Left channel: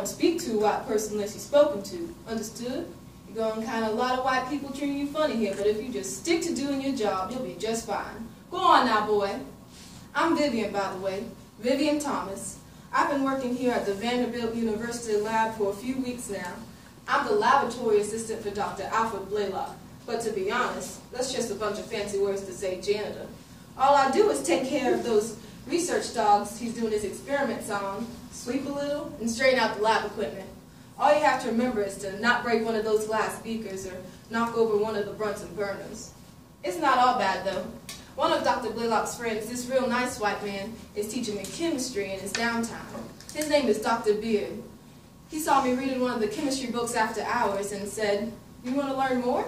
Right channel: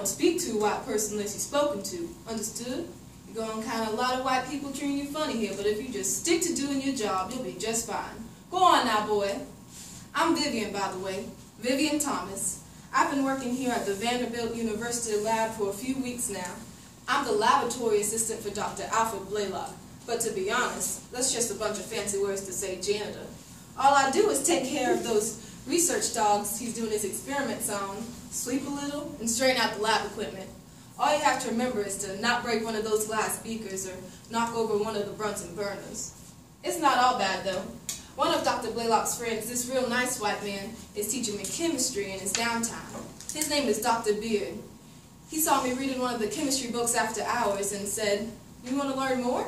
don't speak to a white person unless you're spoken to. Understood? You're going to encounter a lot of white people treating you funny here, but if you just stick to doing your job, you'll be just fine. Go on now, boy. I'm Vivian, by the way. Vivian Thomas. I've been working here at the Vanderbilt University lab for a few weeks now. I'm the laboratory assistant for Dr. Alfred Blaylock, but to be honest, that's just a bunch of fancy words to say janitor. All I do is take care of those research dogs he's doing his experiments on, sweep a little, and straighten out the lab equipment. All you have to remember is to not break one of those glass beakers or knock over one of the Brunson burners. It's not all bad, though. One of Dr. Blaylock's friends, this real nice white man, is teaching me chemistry in his downtime. His name is Dr. Beard. He saw me reading one of the chemistry books after hours and said, "You want to learn more?"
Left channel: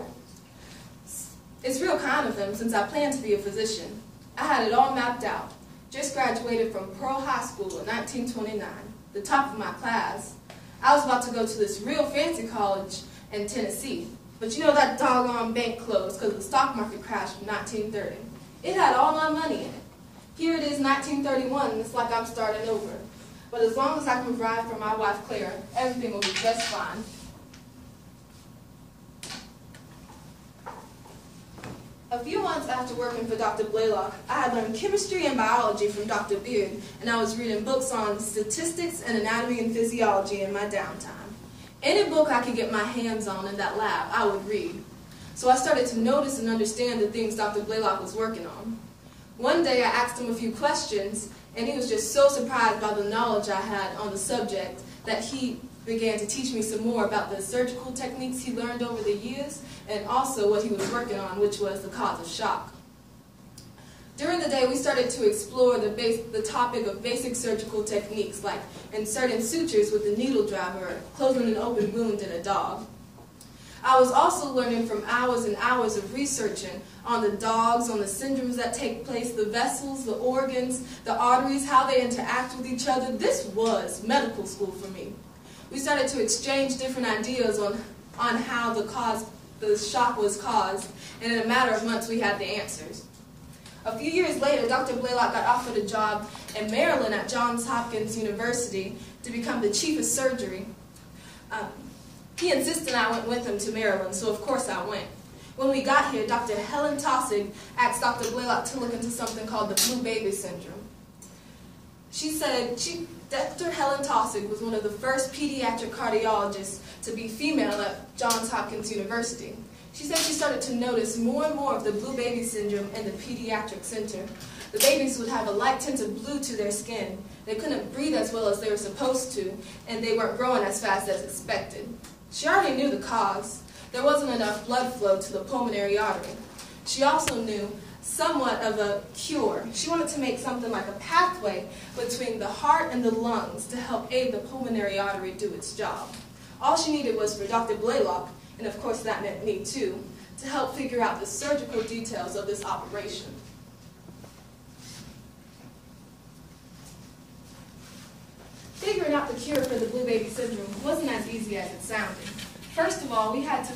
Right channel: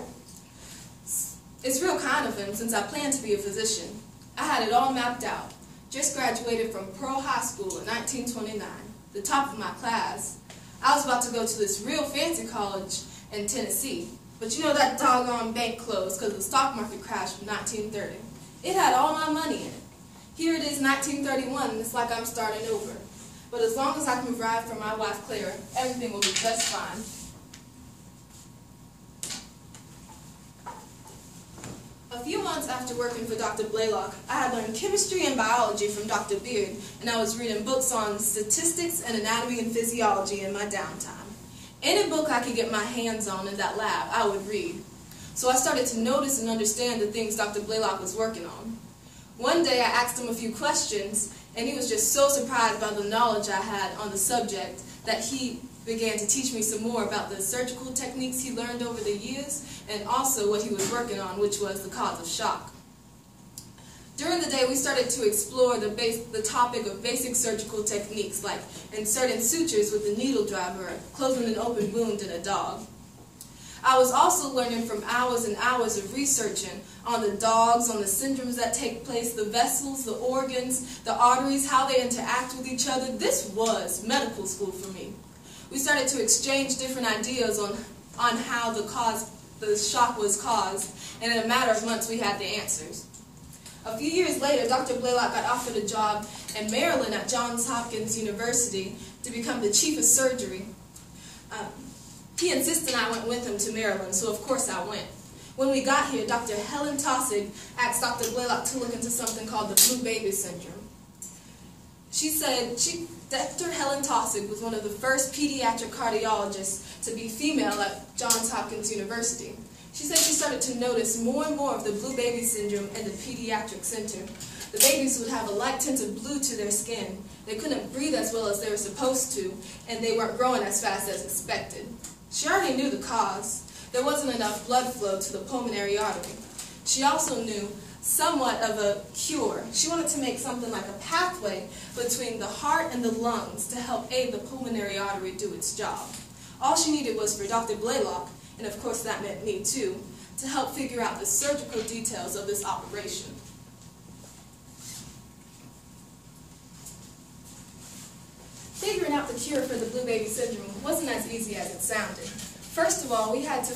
It's real kind of him, since I plan to be a physician. I had it all mapped out. Just graduated from Pearl High School in 1929, the top of my class. I was about to go to this real fancy college in Tennessee, but you know that doggone bank closed because the stock market crashed in 1930. It had all my money in it. Here it is, 1931, and it's like I'm starting over. But as long as I can provide for my wife Claire, everything will be just fine. A few months after working for Dr. Blaylock, I had learned chemistry and biology from Dr. Beard, and I was reading books on statistics and anatomy and physiology in my downtime. Any book I could get my hands on in that lab, I would read. So I started to notice and understand the things Dr. Blaylock was working on. One day I asked him a few questions, and he was just so surprised by the knowledge I had on the subject that he began to teach me some more about the surgical techniques he learned over the years, and also what he was working on, which was the cause of shock. During the day, we started to explore the topic of basic surgical techniques, like inserting sutures with a needle driver or closing an open wound in a dog. I was also learning from hours and hours of researching on the dogs, on the syndromes that take place, the vessels, the organs, the arteries, how they interact with each other. This was medical school for me. We started to exchange different ideas on how the shock was caused, and in a matter of months we had the answers. A few years later, Dr. Blaylock got offered a job in Maryland at Johns Hopkins University to become the chief of surgery. He insisted I went with him to Maryland, so of course I went. When we got here, Dr. Helen Tossig asked Dr. Blaylock to look into something called the blue baby syndrome. She said Dr. Helen Tossig was one of the first pediatric cardiologists to be female at Johns Hopkins University. She said she started to notice more and more of the blue baby syndrome in the pediatric center. The babies would have a light tint of blue to their skin. They couldn't breathe as well as they were supposed to, and they weren't growing as fast as expected. She already knew the cause. There wasn't enough blood flow to the pulmonary artery. She also knew somewhat of a cure. She wanted to make something like a pathway between the heart and the lungs to help aid the pulmonary artery do its job. All she needed was for Dr. Blaylock, and of course that meant me too, to help figure out the surgical details of this operation. Figuring out the cure for the blue baby syndrome wasn't as easy as it sounded. First of all, we had to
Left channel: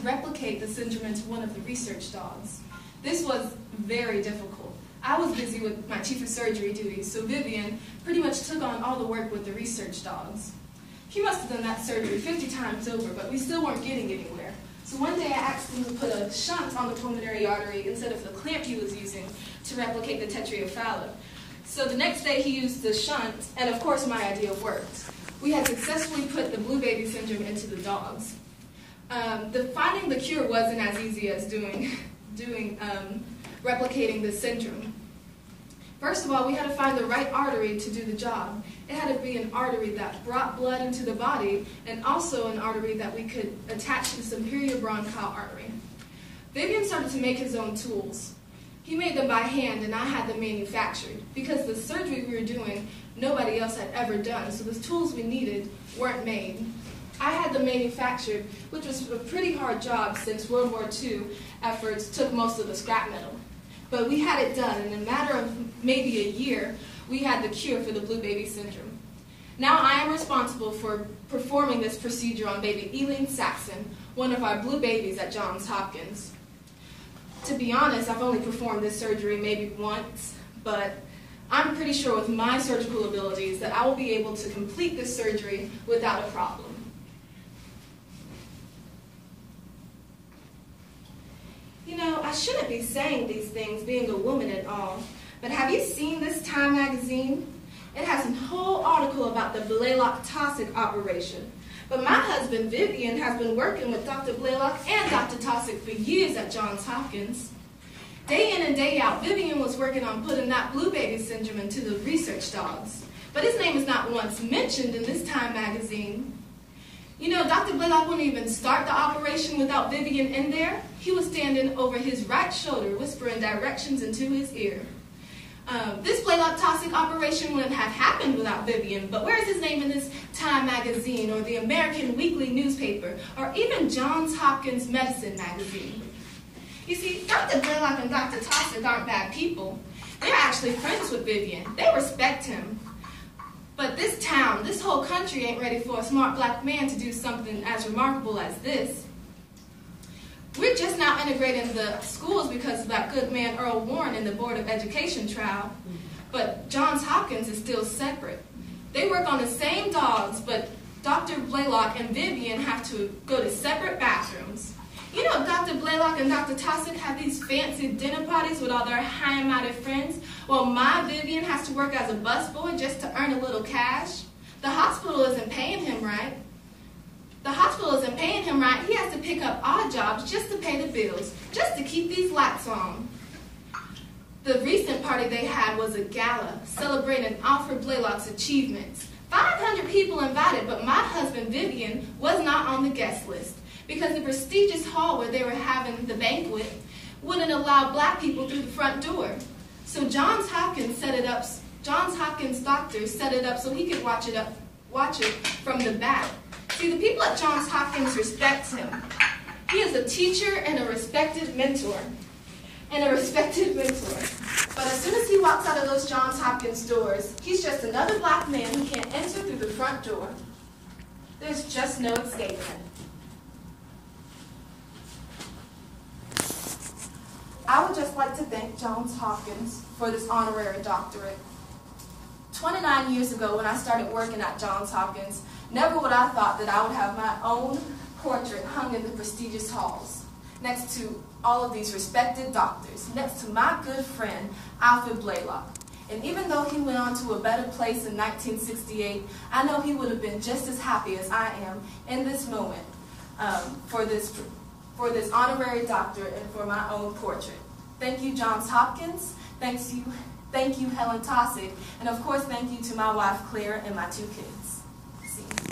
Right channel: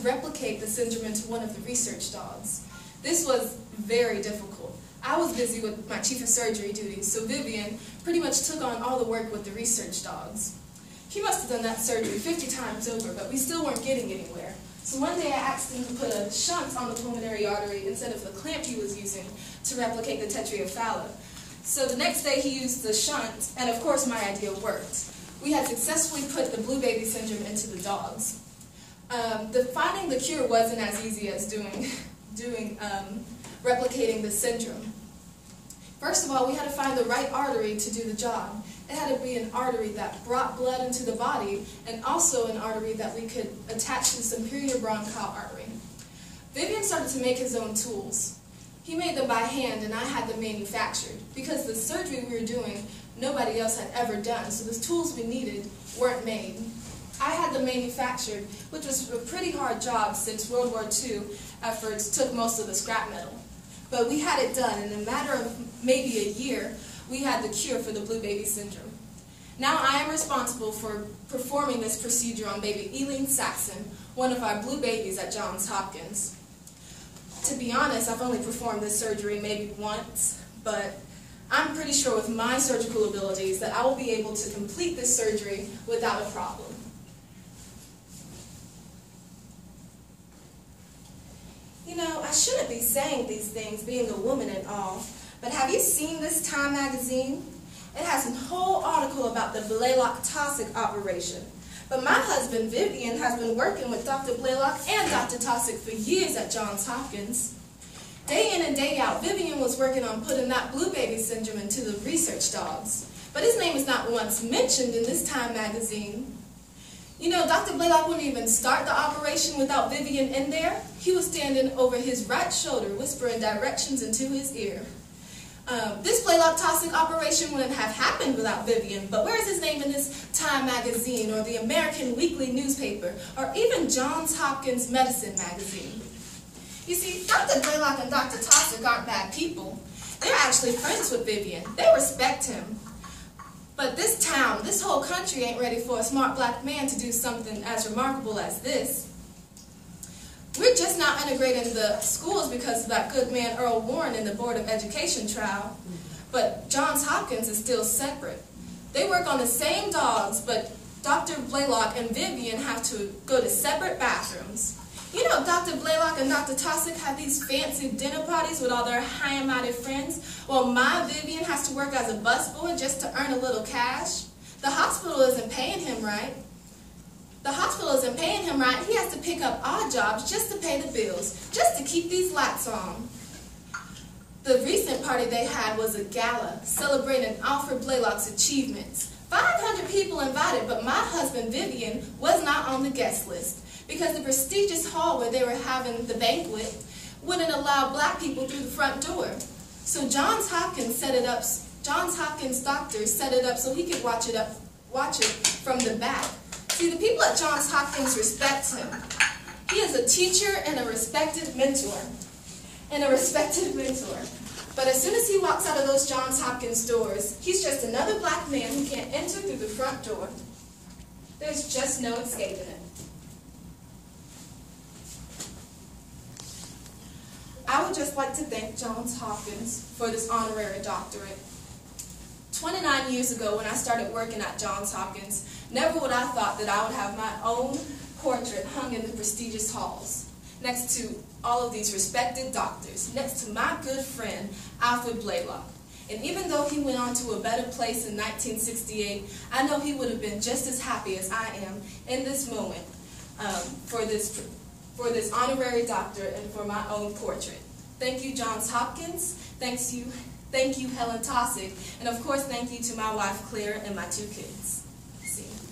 replicate the syndrome into one of the research dogs. This was very difficult. I was busy with my chief of surgery duties, so Vivian pretty much took on all the work with the research dogs. He must have done that surgery 50 times over, but we still weren't getting anywhere. So one day I asked him to put a shunt on the pulmonary artery instead of the clamp he was using to replicate the tetraomphalate. So the next day he used the shunt, and of course my idea worked. We had successfully put the blue baby syndrome into the dogs. Finding the cure wasn't as easy as replicating the syndrome. First of all, we had to find the right artery to do the job. It had to be an artery that brought blood into the body, and also an artery that we could attach to the superior bronchial artery. Vivian started to make his own tools. He made them by hand, and I had them manufactured. Because the surgery we were doing, nobody else had ever done, so the tools we needed weren't made. I had them manufactured, which was a pretty hard job since World War II efforts took most of the scrap metal. But we had it done, and in a matter of maybe a year, we had the cure for the blue baby syndrome. Now I am responsible for performing this procedure on baby Eileen Saxon, one of our blue babies at Johns Hopkins. To be honest, I've only performed this surgery maybe once, but I'm pretty sure with my surgical abilities that I will be able to complete this surgery without a problem. You know, I shouldn't be saying these things, being a woman and all, but have you seen this Time magazine? It has a whole article about the Blaylock-Taussig operation. But my husband, Vivian, has been working with Dr. Blaylock and Dr. Taussig for years at Johns Hopkins. Day in and day out, Vivian was working on putting that blue baby syndrome into the research dogs. But his name is not once mentioned in this Time magazine. You know, Dr. Blaylock wouldn't even start the operation without Vivian in there. He was standing over his right shoulder, whispering directions into his ear. This Blaylock-Taussig operation wouldn't have happened without Vivian, but where's his name in this Time magazine, or the American Weekly newspaper, or even Johns Hopkins Medicine magazine? You see, Dr. Blaylock and Dr. Taussig aren't bad people. They're actually friends with Vivian. They respect him. But this town, this whole country ain't ready for a smart black man to do something as remarkable as this. We're just now integrating the schools because of that good man Earl Warren in the Board of Education trial. But Johns Hopkins is still separate. They work on the same dogs, but Dr. Blaylock and Vivian have to go to separate bathrooms. You know, Dr. Blaylock and Dr. Taussig have these fancy dinner parties with all their high and mighty friends, while my Vivian has to work as a busboy just to earn a little cash. The hospital isn't paying him right. The hospital isn't paying him right. He has to pick up odd jobs just to pay the bills, just to keep these lights on. The recent party they had was a gala celebrating Alfred Blaylock's achievements. 500 people invited, but my husband Vivian was not on the guest list, because the prestigious hall where they were having the banquet wouldn't allow black people through the front door. So Johns Hopkins doctors set it up so he could watch it from the back. See, the people at Johns Hopkins respect him. He is a teacher and a respected mentor. But as soon as he walks out of those Johns Hopkins doors, he's just another black man who can't enter through the front door. There's just no escaping it. I would just like to thank Johns Hopkins for this honorary doctorate. 29 years ago, when I started working at Johns Hopkins, never would I thought that I would have my own portrait hung in the prestigious halls, next to all of these respected doctors, next to my good friend, Alfred Blaylock. And even though he went on to a better place in 1968, I know he would have been just as happy as I am in this moment for this honorary doctorate and for my own portrait. Thank you, Johns Hopkins. Thank you, Helen Taussig. And of course, thank you to my wife, Claire, and my 2 kids. See you.